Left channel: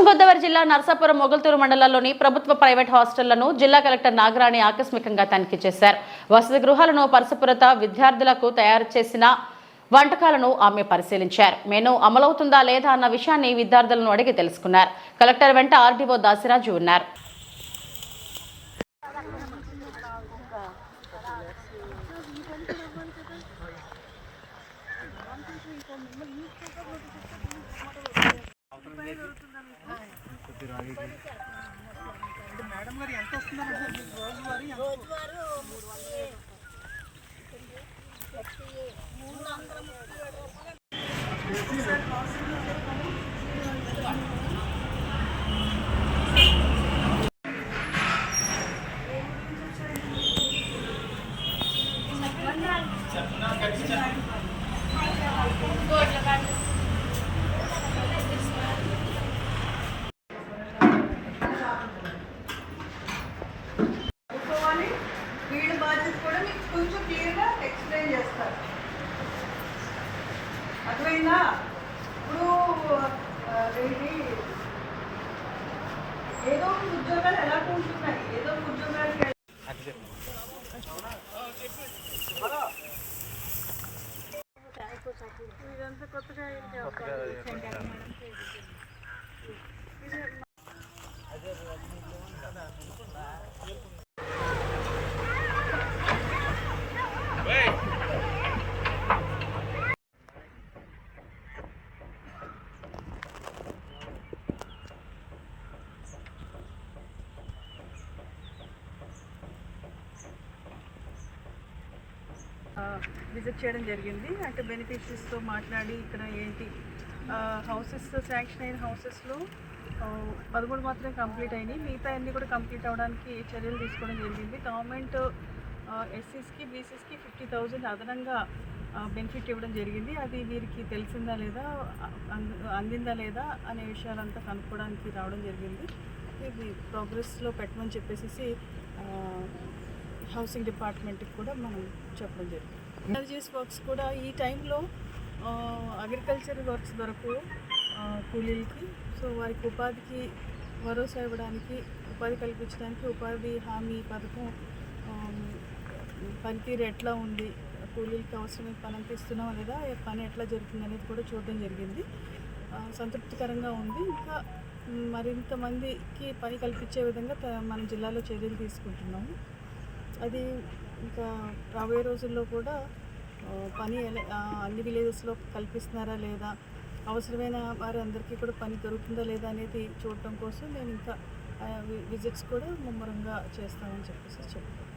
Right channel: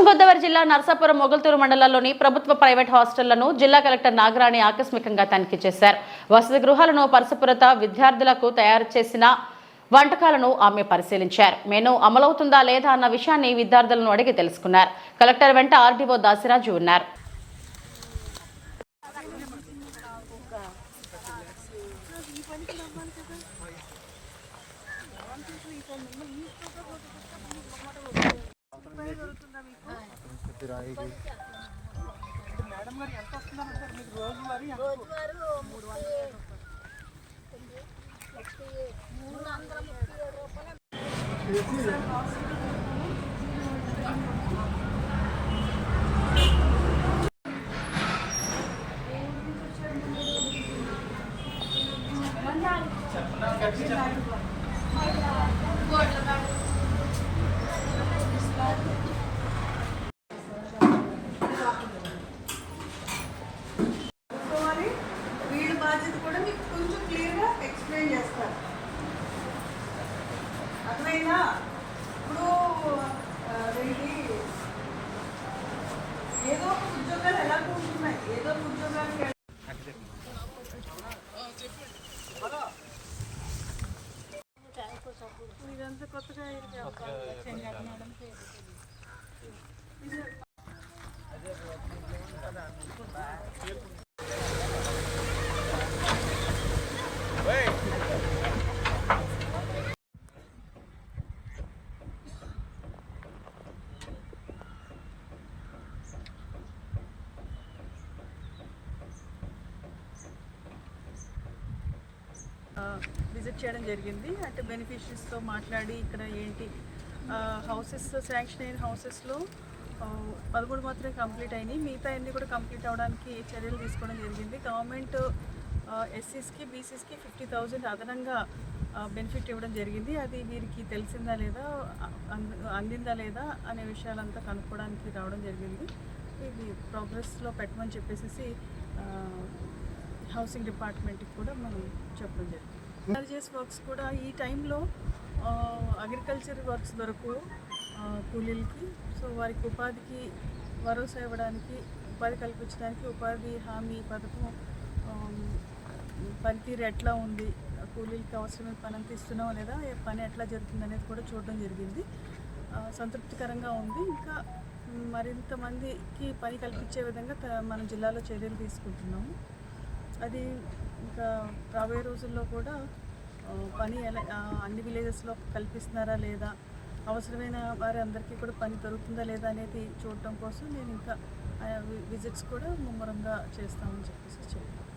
పశ్చిమ గోదావరి జిల్లా నర్సాపురం మొగల్తూరు మండలంలోని ప్రభుత్వ ప్రైవేట్ హాస్టళ్లను జిల్లా కలెక్టర్ నాగరాణి ఆకస్మికంగా తనిఖీ చేశారు. వసతి గృహాలను పరిశుభ్రత విద్యార్థులకు తయారు చేసిన వంటకాలను ఆమె పరిశీలించారు. మెనూ అమలవుతుందా లేదా అన్న విషయాన్ని విద్యార్థులను అడిగి తెలుసుకున్నారు. కలెక్టర్ వెంట ఆర్డీఓ దాసిరాజు ఉన్నారు. మేడం గారు ఎంత వస్తుందంటే మీకు రోజువారీ వీళ్ళ బాధ్యత కూడా మీకు కొంచెం క్లియర్గా ఎక్స్ప్లెయిన్ చేస్తారు. అర్థమైందా? ఇప్పుడు ఇది ఏదో ఒక ఉద్యోగాలు ఎలా కూర్చున్నాయి, ఏదో ఒక ఉద్యోగాలకి ఇదంతా కొత్తగా విజిట్ చేయడం జరిగింది. అంటే బెనిఫిషరీస్తో మాట్లాడి ఇక్కడ ఏంటి హౌసెస్ శాంక్షన్ అయిన హౌసెస్లో 13 మాత్రం కంప్లీట్ అయినాయి. మిగతా అన్నీ కూడా కంప్లీట్ అవ్వడానికి చర్యలు తీసుకోవడం జరిగింది. గవర్నమెంట్ ఎస్సీస్కి బీసీస్కి 50,000 అదనంగా బెనిఫిట్ ఇవ్వడం జరిగింది. అది వీరికి తెలిసిందా లేదా, అందిందా లేదా అనే విషయాలంతా కనుక్కోవడానికి రావడం జరిగింది. ఇది ప్రోగ్రెస్లో పెట్టమని చెప్పేసి హౌసింగ్ డిపార్ట్మెంట్కి కూడా మనం చెప్పడం జరిగింది. ఎనర్జీస్ వర్క్స్ కూడా ఈ టైంలో అగ్రికల్చర్ వర్క్స్ దొరకు కూలీలకి, సో వారికి ఉపాధికి భరోసా ఇవ్వడానికి, ఉపాధి కల్పించడానికి ఉపాధి హామీ పథకం పనితీరు ఎట్లా ఉంది, కూలీలకి అవసరమైన పని అంతా ఇస్తున్నాం లేదా, పని ఎట్లా జరుగుతుంది అనేది కూడా చూడడం జరిగింది. సంతృప్తికరంగా ఉంది. ఇంకా మరింత మందికి పని కల్పించే విధంగా మన జిల్లాలో చర్యలు తీసుకుంటున్నాము. అది ఇంకా రాబోయే రోజుల్లో కూడా పని అన్ని విలేజెస్లో కల్పిస్తున్నారా లేదా, అవసరమైన వారి అందరికీ కూడా పని దొరుకుతుందా లేదా అనేది చూడటం కోసం నేను ఇంకా విజిట్స్ కూడా ముమ్మరంగా చేస్తామని చెప్పేసి చెప్తాను.